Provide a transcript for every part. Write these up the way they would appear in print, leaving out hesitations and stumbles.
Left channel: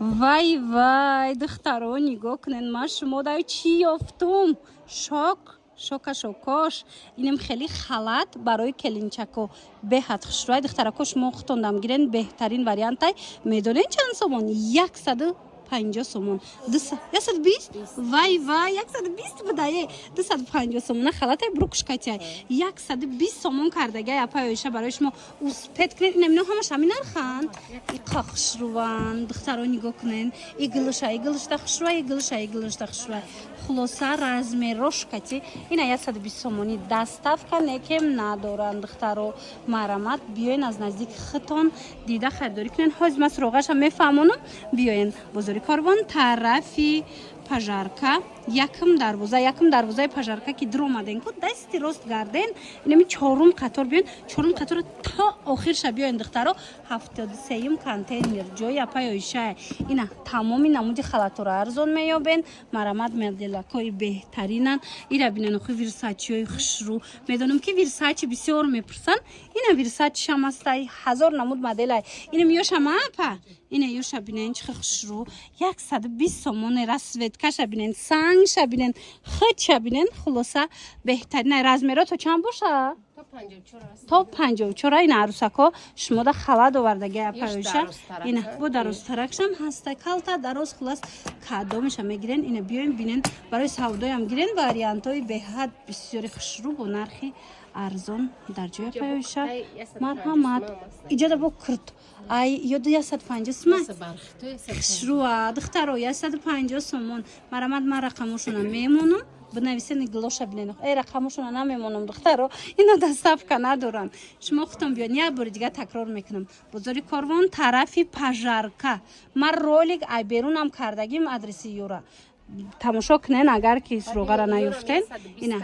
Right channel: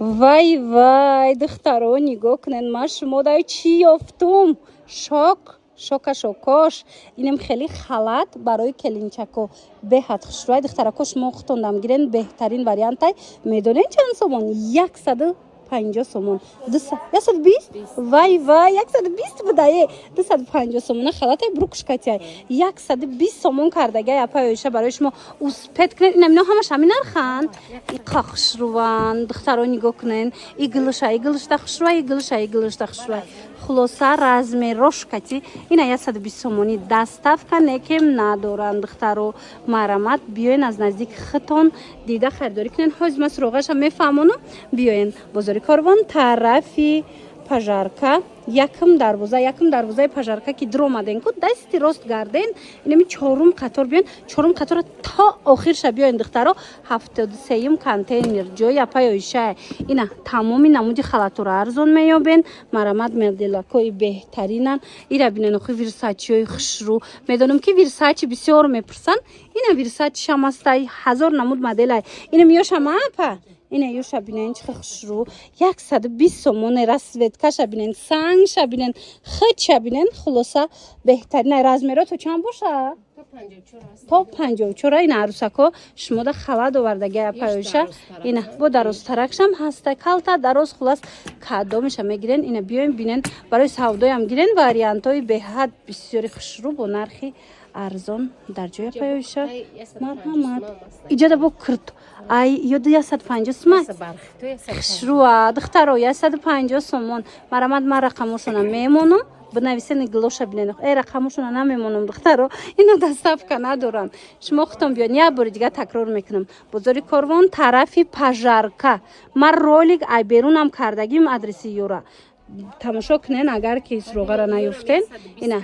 вай вай духтаро нигоҳ кунед, ман шуморо чӣ ёфтум? шокош инам хеле халат барои келинчако беҳад хушрӯй. духтарако шумо хутондам гирен, беҳтарин вариантай. Медонед чанд сомон? 150 сомон. 120? Вай вай 120 будае. 250 сомона халатай брукушкатяй. 120 сомон кардагай апаёша барои шумо успет кунед. Инам ино ҳамаш ҳамин нархан. Иқа хушрӯван. духтаро нигоҳ кунен. Иглуша иглушта хушрӯй. خلاصه رزمی روش کتی اینا 120 سومونی دستافکا نکم ندارن. دخترو مرامت بیاین از نزدیک خطون دیده خریداری کنین. حاج مسروقش هم میفهمونم. بیاین بازاری کاروان طرفی پژارکا якм дарвозаи пажарка ки дар омаден ку дасти рост гарден. инами чорум қатор биён. чорум қатора то охирша биёин. духтаро 73 контейнер ҷои апаёиша. ина тамоми намуди халатуро арзон меёбен. марамат меделакои беҳтаринан. ира бинен охи вирсачиои хушрӯ. медонам ки вирсачи бисёр мепурсан. ина вирсачи шамастай 1000 намуд моделай. ина миёшама апа. ина ёша бинен чихи хушрӯ. 120 сомон расветкаша бинен. санг шабинен, хит шабинен. хулоса беҳтарин размеро то чанд боша? то 54. ина арусако шумода халат овардаги апаёша. ина бо дарозтаракшам ҳаста калта дароз хулас кадомиша мегирен. ина биёин бинен барои савдоям гирен вариантои беҳад бисёри хушрӯ бо нархи арзон дар ҷои апаёша. марҳамат иҷода бо кирд. ай ёду 150 сомон хушрӯа. духтаро 150 сомон. марамат ман рақамошона мемонам. бинависени глоша бинен. рақамошона намемонам духтаро. ина доставка надорам. шумо хутон биён. як бори дига такрор мекунам. бозори корвон тарафи пажарка. ман ролик ай берунам кардагим адреси ёра. тамошо кунен агар ки суроғара наёфтен. ина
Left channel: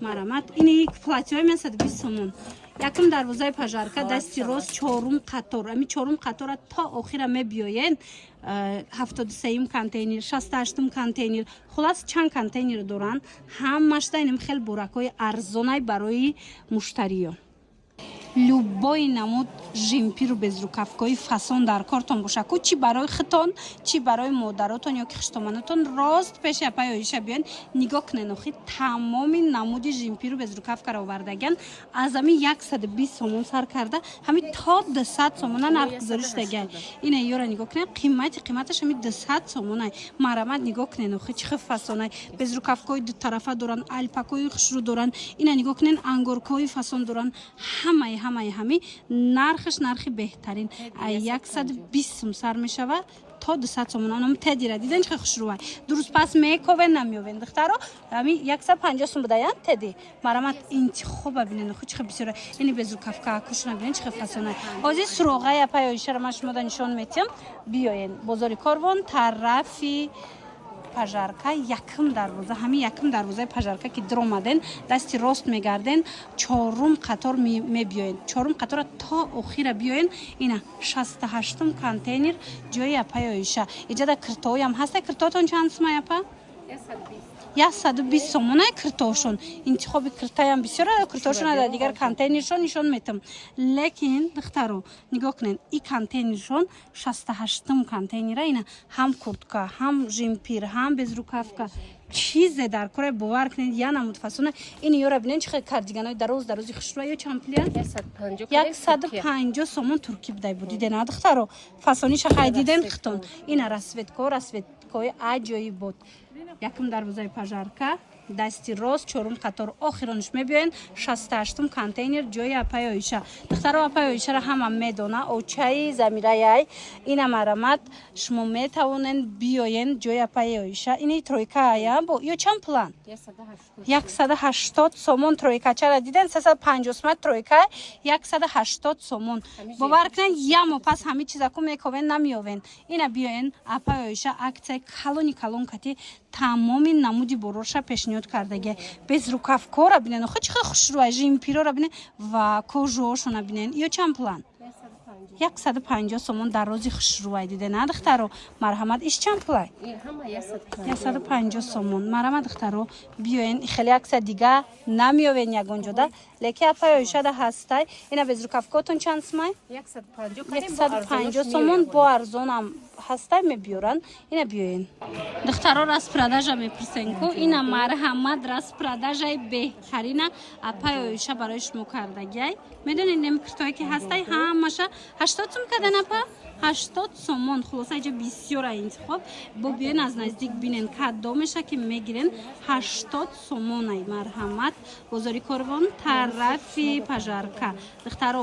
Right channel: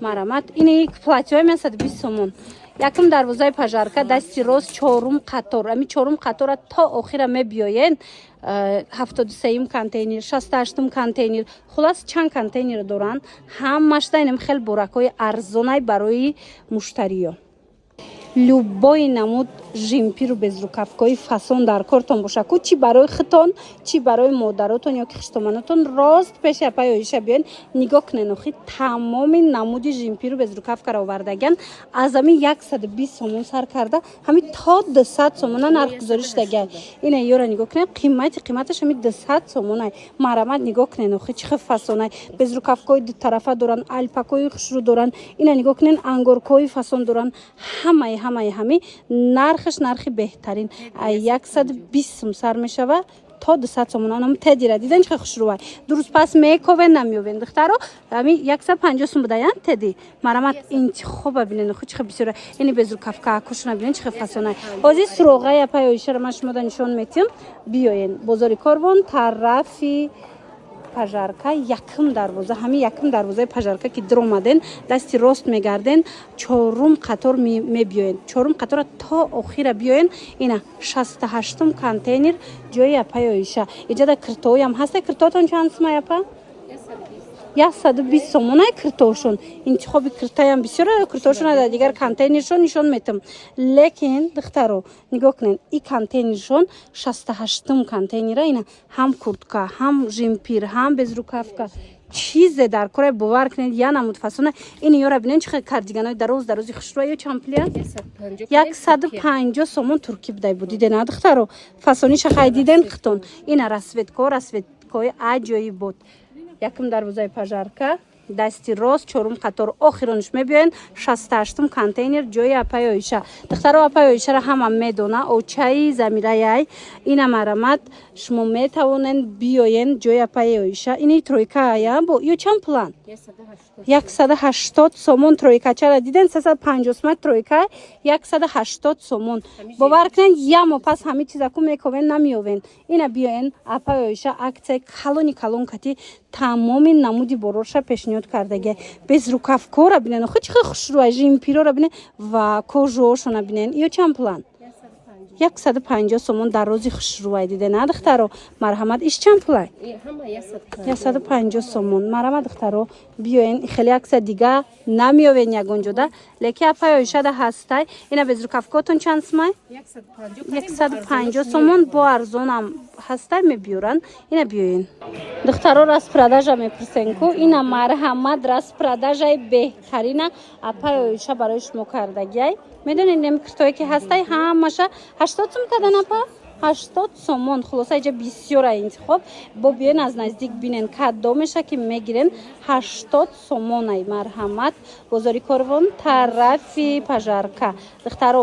марамат ини платьёи 120 сомон. якм дарвозаи пажарка дасти рост чорум қатор. ами чорум қатора то охира мебиёен. 73 контейнер, 68 контейнер. хулас чанд контейнер доран. ҳамашда инам хел боракои арзонай барои муштариё. любой намуд жимпиру безрукавкои фасон дар кортон боша ку чи барои хитон чи барои модаротон ё ки хиштоманотон рост пеши апаёиша биён. нигоҳ кунен охи тамоми намуди жимпиру безрукавкаро овардаган. аз ами 120 сомон сар карда ҳами то 200 сомона нарх гузориштагай. ина ёра нигоҳ кунен қиматаш ҳами 200 сомонай. марамат нигоҳ кунен охи чихи фасонай. безрукавкои ду тарафа доран, алпакои хушрӯ доран. ина нигоҳ кунен ангоркои фасон доран. ҳами нархаш нархи беҳтарин. 120 сом сар мешава то 200 сомон. анам тедира диден чӣ хушрӯвай. дуруст пас мековен намёвен. духтаро ами 150 сом будаям теди. марамат интихоба бинен ху чихи бисёра. ини безрукавка акушна бинен чихи фасонай. ҳозир суроғаи апаёишаро ман шумода нишон метиҳам. биёен бозори корвон тарафи пажарка якм дарвоза. ҳами якм дарвозаи пажарка ки дар омаден дасти рост мегарден. чорум қатор мебиёен. чорум қатора то охира биёен. ина 68 контейнер ҷои апаёиша. иҷада киртоям ҳаста. киртоатон чанд сомай апа? 120 сомонай киртошон. интихоби киртаям бисёр. киртошон дар дигар контейнершон нишон метам. лекин духтаро нигоҳ кунен. и контейнершон 68 контейнера. ина ҳам куртка, ҳам жимпир, ҳам безрукавка. чизе дар кораи бовар кунед. я намуд фасона. ин ёра бинен чихи кардиганои дарози хушрӯа ё чампlia 150 сомон турки будай будидена духтаро. фасониша хай диден хитон. ина расветкои аҷоибот. якм дарвозаи пажарка дасти рост чорум қатор охирониш мебиёен. 68 контейнер ҷои апаёиша. духтаро апаёишаро ҳама медона. очаи замираяй. ина марамат шумо метавонен биёен ҷои апаёиша. ини тройкая бо ё чанд пулан? 180 сомон тройкачара диден. 350 сомон тройка 180 сомон. бовар кунен ямо пас ҳами чизаку мековен намиёвен. ина биёен апаёиша аксияи калон кати тамоми намуди бороша пешниҳод кардаги. безрукавкора бинен охи чихи хушрӯа. жимпирора бинен ва кожоошона бинен. ё чанд пулан? 150 сомон дарози хушрӯай дидена духтаро. марҳамат иш чанд пулай? 150 сомон. марҳамат духтаро биёен хеле аксия дига намиёвен ягон ҷода. леки апай ойшада ҳастай ина без рукавкотун чанд сумай 150 сомон бо арзонам ҳастай мебиёран ина биёин духтаро распродажа мепурсен ку ина марҳамат распродажаи беҳтарина апай ойша барои шумо кардагиай медонед нем куртое ки ҳастай ҳамаша 80 сум кадан апа 80 сомон хулоса иҷа бисёра интихоб бо биён аз наздик бинен кадомеша ки мегирен 80 сомонай марҳамат бозори корвон тарафи пажарка духтаро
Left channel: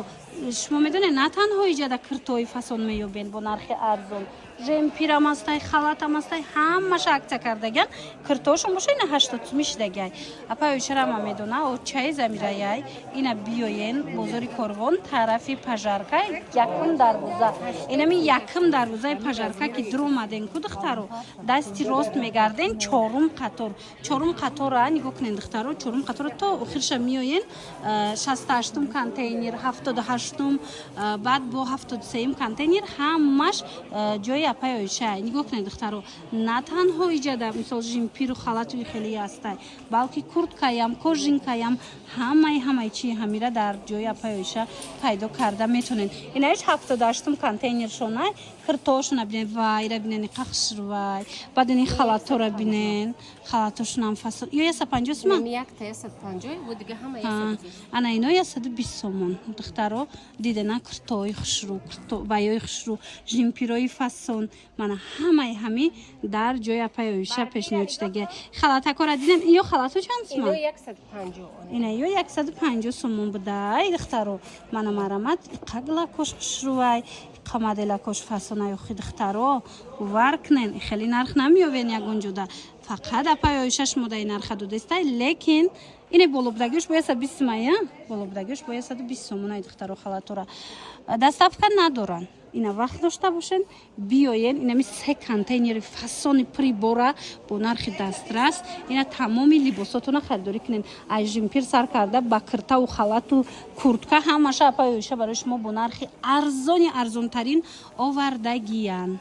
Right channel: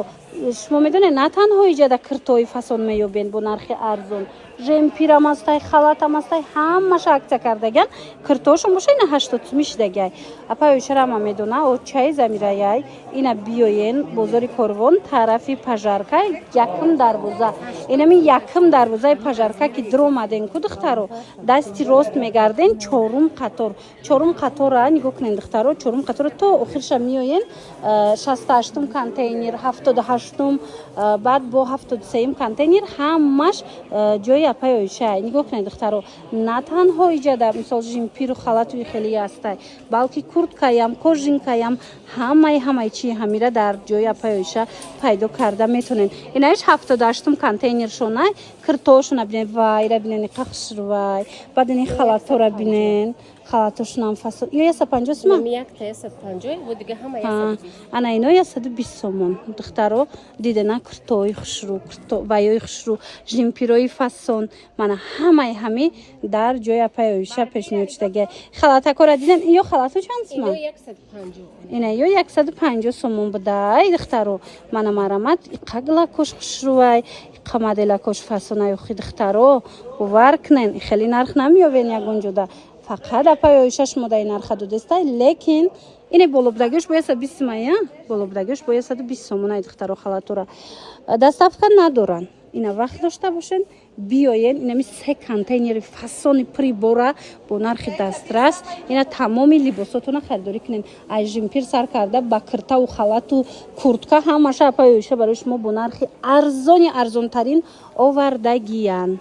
шумо медонед на танҳо иҷада куртои фасон меёбен бо нархи арзон жемпирам астай халатам астай ҳамаша аксия кардаган куртоошон боша ина 80 сумиш дагай апа ойшарама медона очаи замираяй ина биёен бозори корвон тарафи пажарка якум дарвоза инами якум дарвозаи пажарка ки дромаден ку духтаро дасти рост мегарден чорум қатора нигоҳ кунен духтаро чорум қатора то охирша миёен 68 контейнер 78 баъд бо 73 контейнер ҳамаш ҷои апай ойша нигоҳ кунед духтаро на танҳо иҷада мисол жимпиру халатуи хеле астай балки курткаям кожинкаям ҳамаи чи ҳамира дар ҷои апай ойша пайдо карда метонен инаиш 78 контейнер шонай куртоошуна бинен вайра бинен қахшрвай баъд ини халатора бинен халатошунам фасон ё 150 сомон ана ино 120 сомон духтаро дидена куртои хушру ваёи хушру жимпирои фасон мана ҳами дар ҷои апай ойша пешниҳод шудагия халатакора дидем ё халато чанд сомон ина ё 150 сомон будай духтаро мана марамат иқаглакош хушрувай қамаделакош фасонай охи духтаро бовар кунен хеле нарх намеёвен ягонҷода фақат апай ойша шумо дар нарха додестай лекин ина болобдагиш бо 120 сомон болобдагиш бо 120 сомон духтаро халатора доставка надоран ина вақт дошта бошен биёен инами 3 контейнери фасони прибора бо нархи дастрас ина тамоми либосотона харидорӣ кунен аз жимпир сар карда ба куртаву халату куртка ҳамаша апай ойша барои шумо бо нархи арзонтарин овардагиянд